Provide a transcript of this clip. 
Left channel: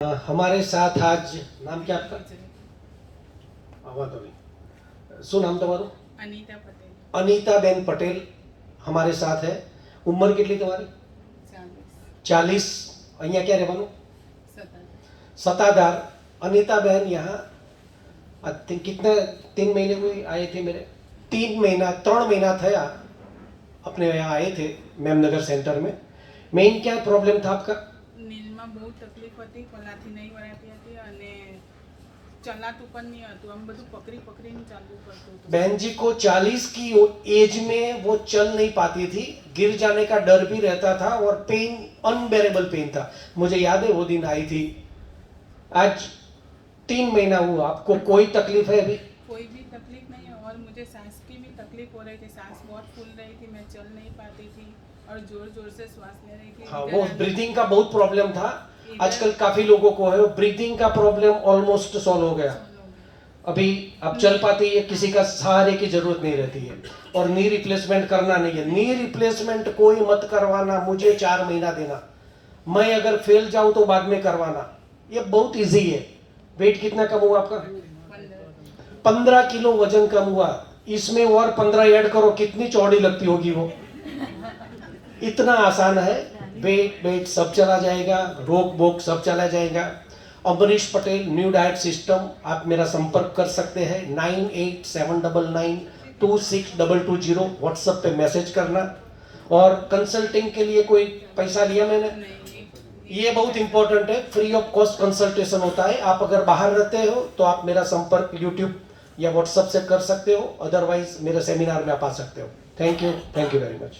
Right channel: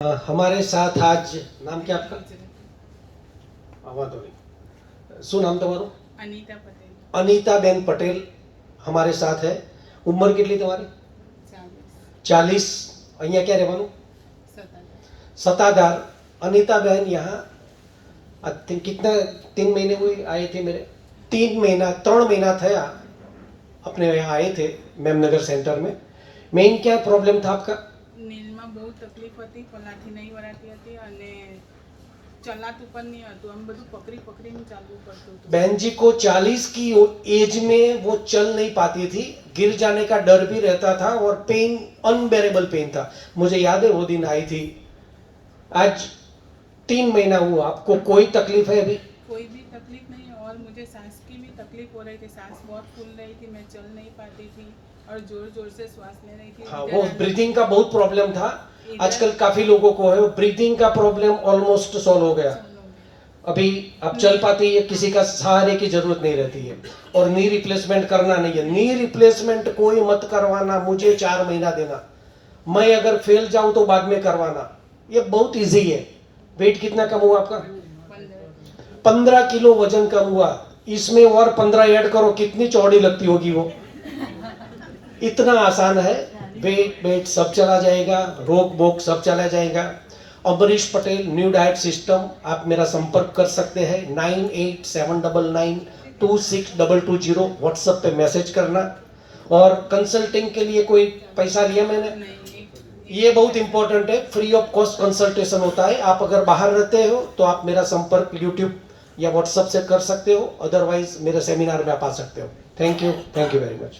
हमारे साथ आज नाम क्या आपका? શું નામ તમારું? અનિતા પટેલ. અનિતાબેન પટેલ हमारे साथ है. उम्र कितनी तुम्हारी? 40. અહીંયા ક્યાં રહેવાનું? सताधार. अनिताबेन यहाँ कितना 3 महीने हुए आए थे मेरे 3 महीना थया अपने यहाँ आए थे मेमनगर सेंटर में. मेन क्या प्रॉब्लम था आपका? નીંદમાં બહુ તકલીફ હતી, પલાથી નહીં વરાતી હતી અને ચલાતું પણ નહીં હતું. આમ બધું પકડી પકડીને ચાલવું પડતું હતું. बहन जी को 40 की एज में वो चल नहीं पाती थी, गिर जाने का डर भी रहता था और पेन अनबेरेबल पेन था. मुझे याद है वो दिन आई थी. आज 3 महीना हुआ. आपको कोई तकलीफ है अभी? कोई भी तकलीफ नहीं है और मुझे सांस की भी तकलीफ हो रही थी. सांस बहुत फूल रही थी, मैं चल नहीं पाती थी और जोर जोर से श्वास ले रही थी. हाँ, वो ब्रीदिंग का बहुत प्रॉब्लम था. आजकल काफी लोगों को है. ब्रीदिंग का प्रॉब्लम ऑलमोस्ट सॉल्व हो गया. अभी अब चल पाती है, किसी का सहारे की जरूरत नहीं रहती है. और नी रिप्लेसमेंट करना नहीं है. नी रिप्लेसमेंट कोई मत करवाना. मुझे 4 महीना देना. मैं अगर फेल जाऊं तो बाद में करवाना. ये बहुत इजी है. वेट कितना कम हुआ आपका? 15 किलो वजन कम हुआ. इसमें और 15 ऐड करो, कितनी चौड़ी लगती होगी वो. इतना आसान है. वेट सब चला जाएगा, रोग बोग सब चला जाएगा. Amrish Patel new diet system. आप मेरा संपर्क कर सकते हैं 9879926220. व्हाट्सएप पे मैसेज करना. और कंसल्टिंग के लिए कोई पैसा लिया मैंने? ये बहुत इंपॉर्टेंट है. फ्री ऑफ कॉस्ट कंसल्टेशन होता है. आप अगर बाहर रहते हो तो आप मेरा संपर्क यूट्यूब या व्हाट्सएप से कर सकते हो. अदरवाइज मेरे सेमिनार में आप आ सकते हो. Thank you very much.